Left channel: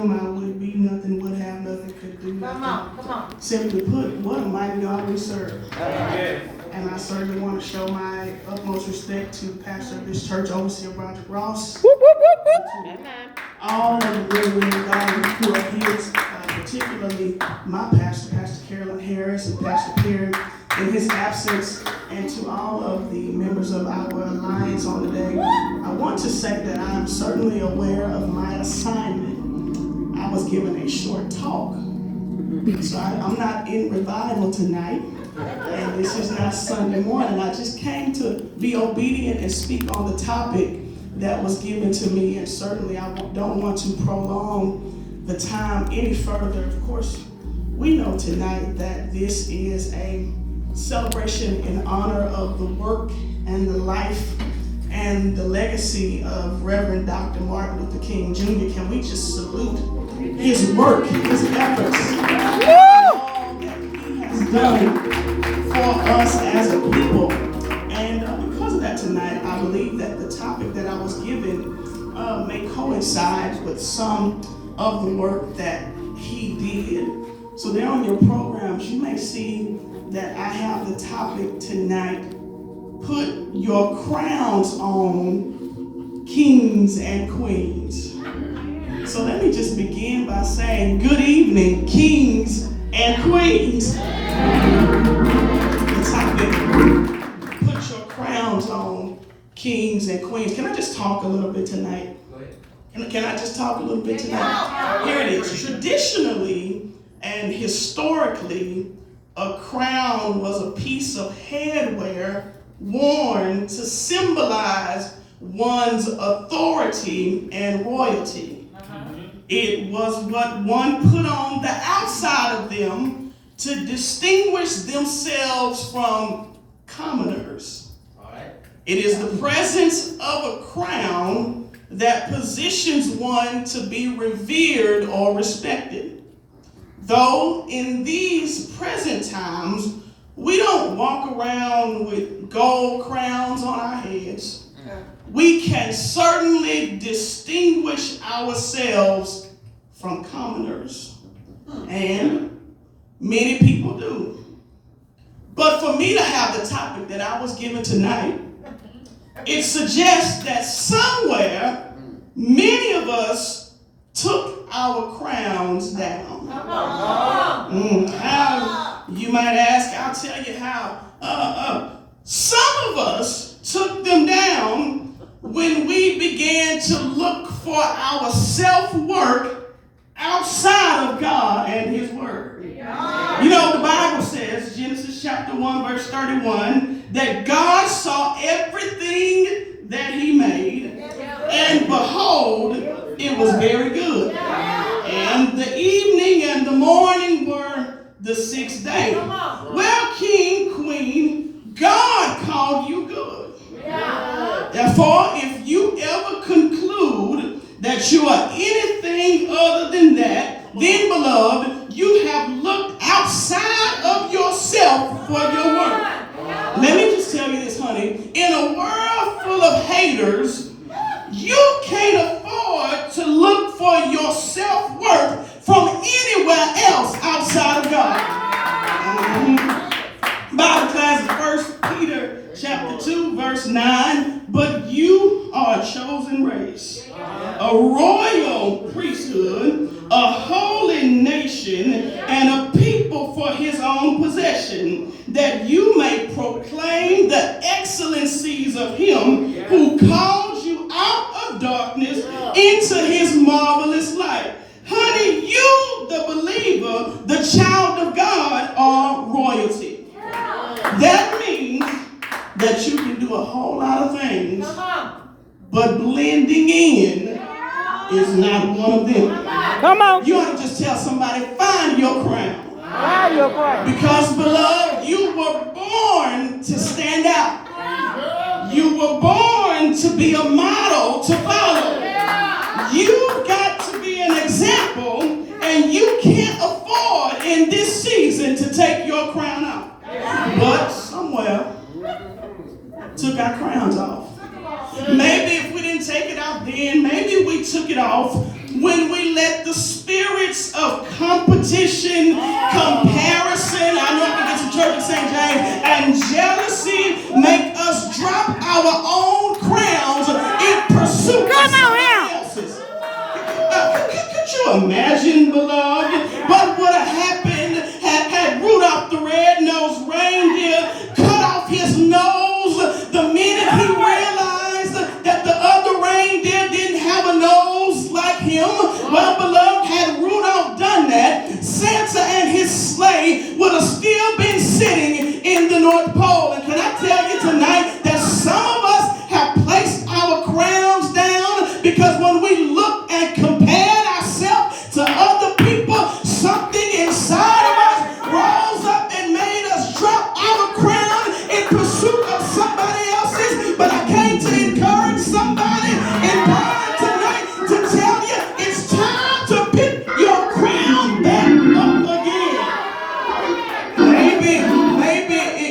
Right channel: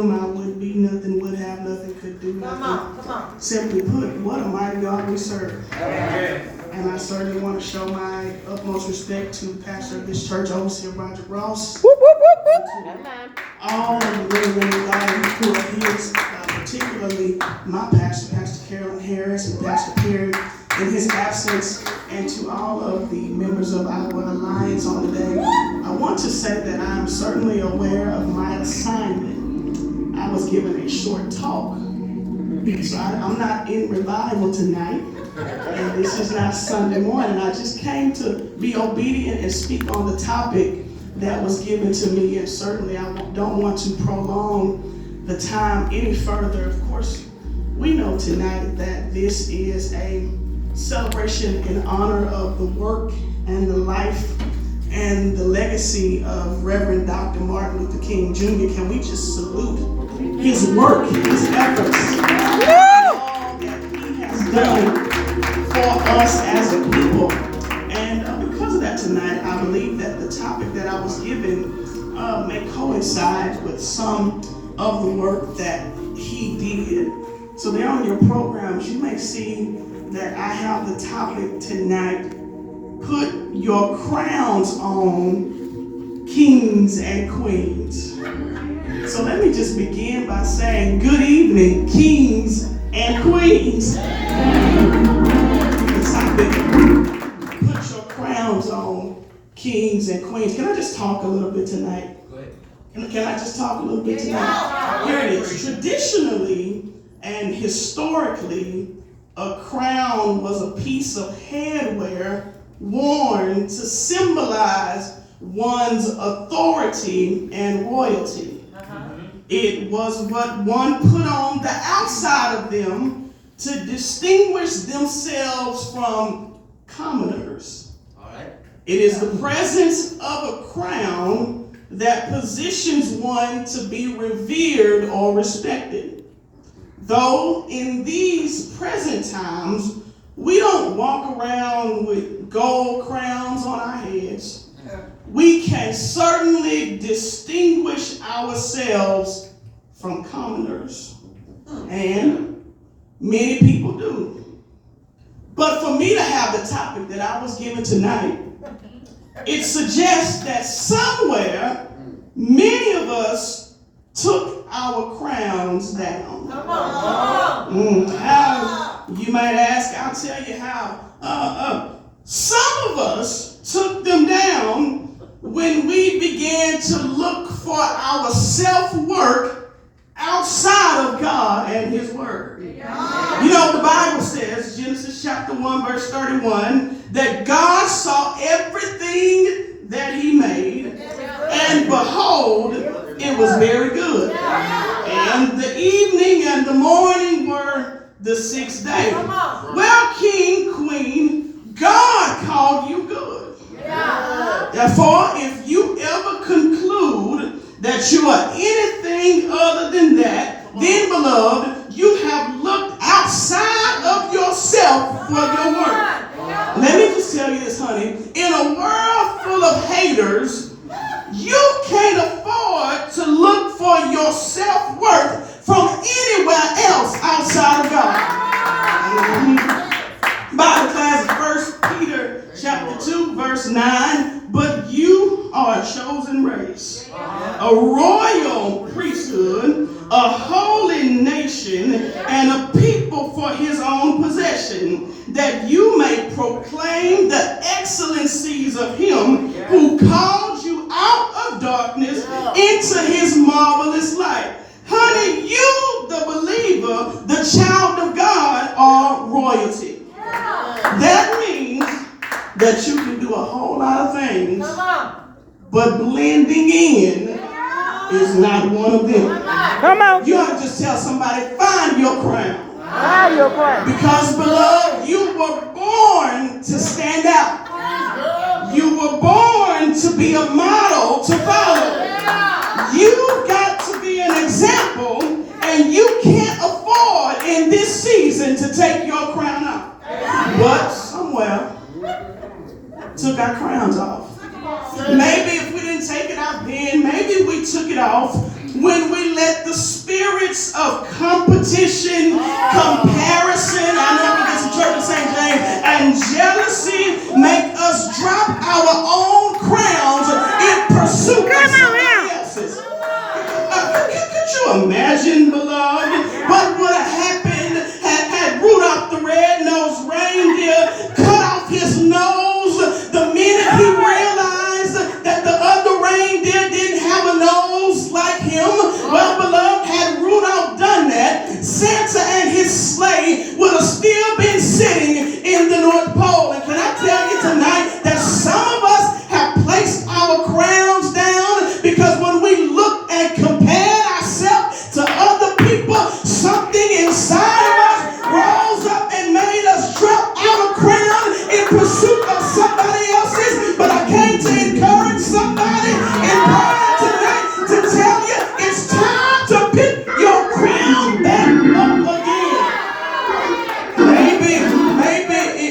I would be nothing, would have nothing, could do nothing. Come on. Simply put, what a mighty God we serve. Amen. And I certainly want to show my utmost respect to the pastor of this church, Overseer Roger Ross. All of the women of God who are here, particularly my pastor, Pastor Carolyn Harris, and Pastor Perry in his absence, and to all of the members of our alliance on the day. I want to say that I'm certainly aware of my assignment. I was given a short talk, so I'm not in revival tonight, and this is not Sunday morning. I just came to be obedient and speak on the topic that was given to me, and certainly I don't want to prolong the time any further. Of course, we know tonight that this is a celebration in honor of the work and the life and the legacy of Reverend Dr. Martin Luther King Jr. Can we just salute his work, his efforts, and all that he has done for us as a people? And because of that tonight, I believe that the topic that I was given may coincide with some of the work that he did. So there on your programs, you may see that I have the topic tonight: put your crowns on, kings and queens. So let me just begin by saying good evening, kings and queens. The topic: put your crowns on, kings and queens. Can I just talk a little bit tonight? Can I just talk a little bit tonight? Here it is. Traditionally and historically, a crown was a piece of headwear worn to symbolize one's authority and royalty. It was what one put on the outside of them to distinguish themselves from commoners. It is the presence of a crown that positions one to be revered or respected. Though in these present times, we don't walk around with gold crowns on our heads, we can certainly distinguish ourselves from commoners. And many people do. But for me to have the topic that I was given tonight, it suggests that somewhere many of us took our crowns down. How, you might ask, I'll tell you how. Some of us took them down when we began to look for our self-worth outside of God and His Word. You know, the Bible says, Genesis chapter 1, verse 31, that God saw everything that He made, and behold, it was very good. And the evening and the morning were the sixth day. Well, King, Queen, God called you good. Therefore, if you ever conclude that you are anything other than that, then, beloved, you have looked outside of yourself for your worth. Let me just tell you this, honey. In a world full of haters, you can't afford to look for your self-worth from anywhere else outside of God. Bible class, 1 Peter chapter 2, verse 9. But you are a chosen race, a royal priesthood, a holy nation, and a people for His own possession, that you may proclaim the excellencies of Him who called you out of darkness into His marvelous light. Honey, you, the believer, the child of God, are royalty. That means that you can do a whole lot of things, but blending in is not one of them. Come on. You ought to just tell somebody, find your crown. Find your crown. Because, beloved, you were born to stand out. You were born to be a model to follow. You've got to be an example, and you can't afford in this season to take your crown off. But somewhere took our crowns off. Maybe if we didn't take it out then, maybe we took it off when we let the imagine, beloved, what would have happened had Rudolph the red-nosed reindeer cut off his nose the minute he realized that the other reindeer didn't have a nose like him? Well, beloved, had Rudolph done that, Santa and his sleigh would have still been sitting in the North Pole. And can I tell you tonight that some of us have placed our crowns down because when we look and compare ourselves to other people, something inside of us rose up and made us drop our crown in pursuit of somebody else's. But I came to encourage somebody in prayer tonight to tell you it's time to pick your crown back up again.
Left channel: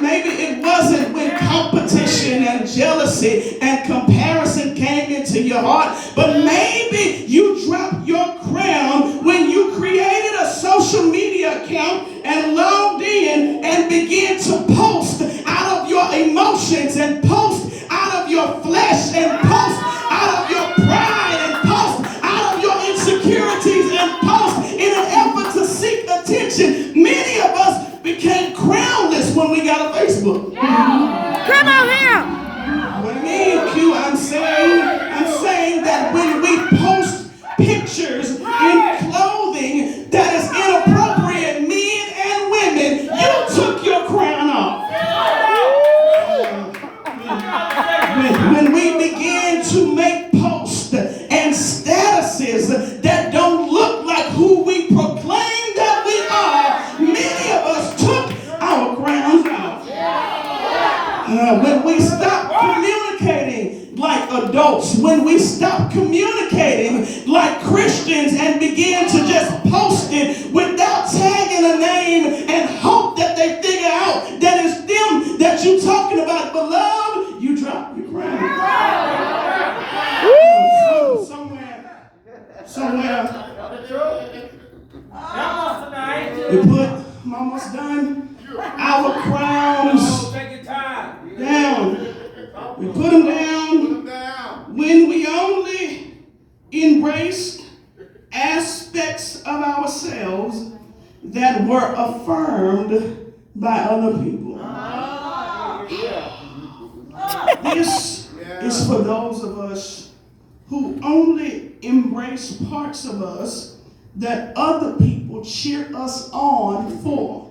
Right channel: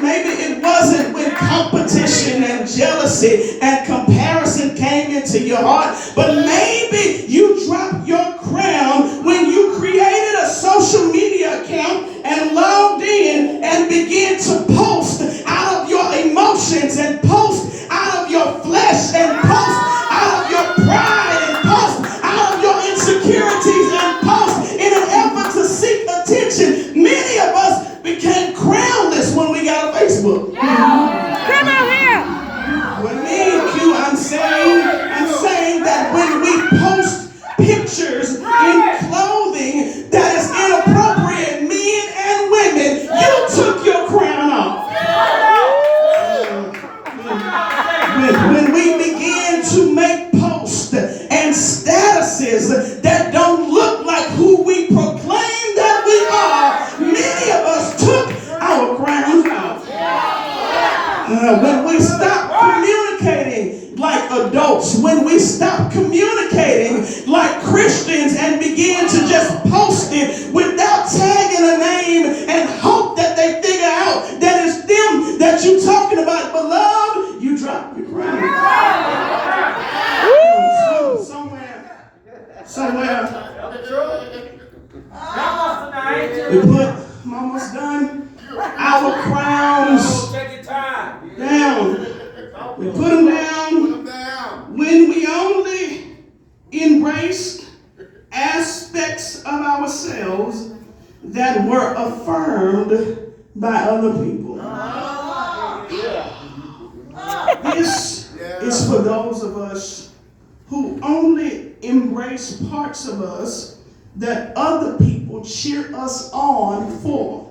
Maybe it wasn't when competition and jealousy and comparison came into your heart, but maybe you dropped your crown when you created a social media account and logged in and began to post out of your emotions and post out of your flesh and post out of your pride and post out of your insecurities and post in an effort to seek attention. Many of us became crownless when we got a Facebook. Come on here. What I mean, Q, I'm saying that when we post pictures in clothing that is inappropriate, men and women, you took your crown off. When we begin to make posts and statuses that don't look like who we proclaim that we are, many of us took our crowns off. When we stop communicating like adults, when we stop communicating like Christians and begin to just post it without tagging a name and hope that they figure out that it's them that you're talking about, beloved, you drop your crown. Somewhere. We put, I'm almost done, our crowns down. We put them down when we only embraced aspects of ourselves that were affirmed by other people. This is for those of us who only embrace parts of us that other people cheer us on for.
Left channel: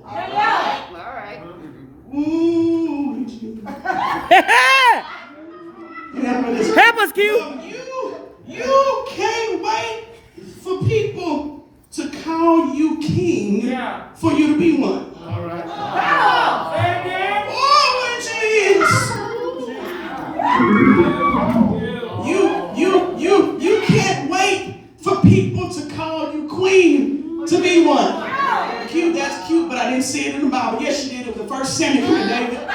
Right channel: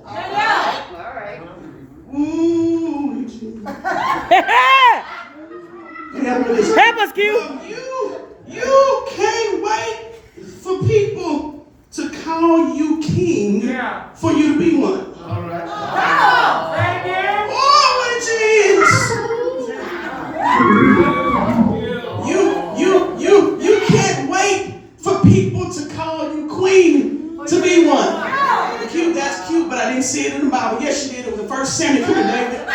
Ooh, Help us, Q. You can't wait for people to call you king for you to be one. All right. Oh, Jesus. You can't wait for people to call you queen to be one. Cute, that's cute, but I didn't see it in the Bible. Yes, you did. It was the first Samuel, David.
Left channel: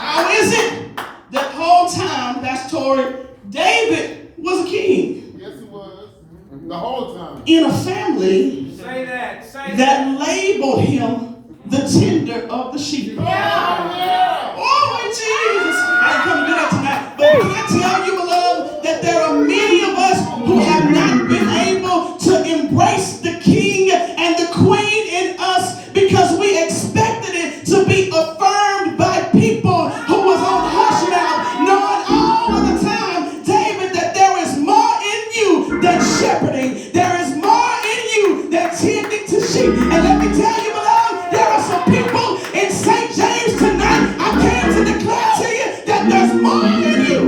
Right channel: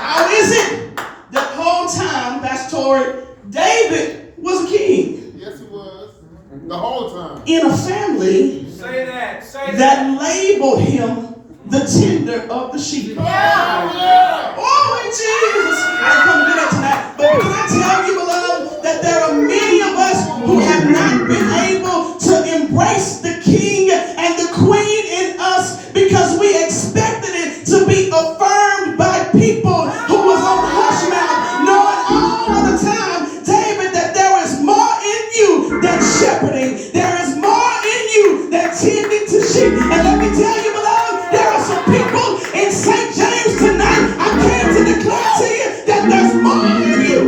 How is it the whole time that's toward David was a king? Yes, he was. The whole time. In a family that labeled him the tender of the sheep. Oh, Jesus. I didn't come to do that tonight. But can I tell you, beloved, that there are many of us who have not been able to embrace the king and the queen in us because we expected it to be affirmed by people who was on hush mouth, knowing all of the time, David, that there is more in you than shepherding. There is more in you than tending to sheep. And let me tell you, beloved, there are some people in St. James tonight. I came to declare to you that there's more in you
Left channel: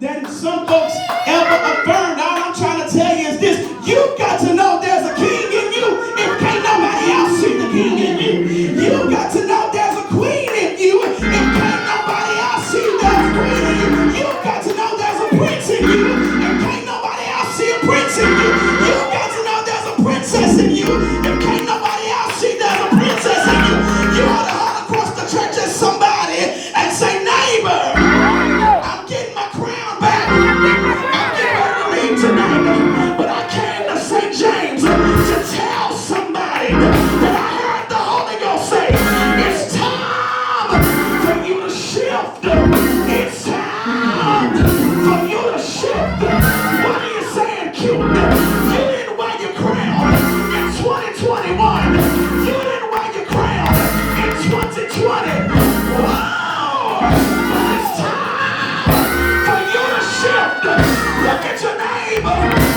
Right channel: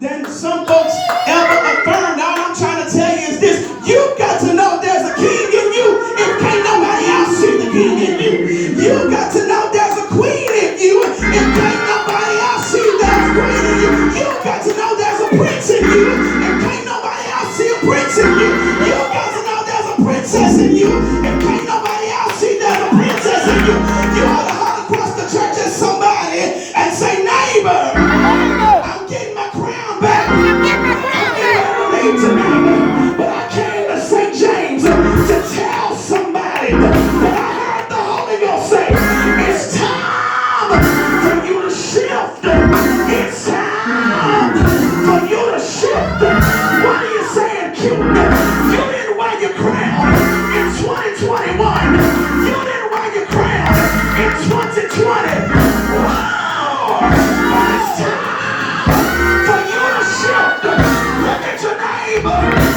than some folks ever affirmed. All I'm trying to tell you is this: you got to know there's a king in you if can't nobody else see the king in you. You got to know there's a queen in you if can't nobody else see there's a queen in you. You got to know there's a prince in you if can't nobody else God.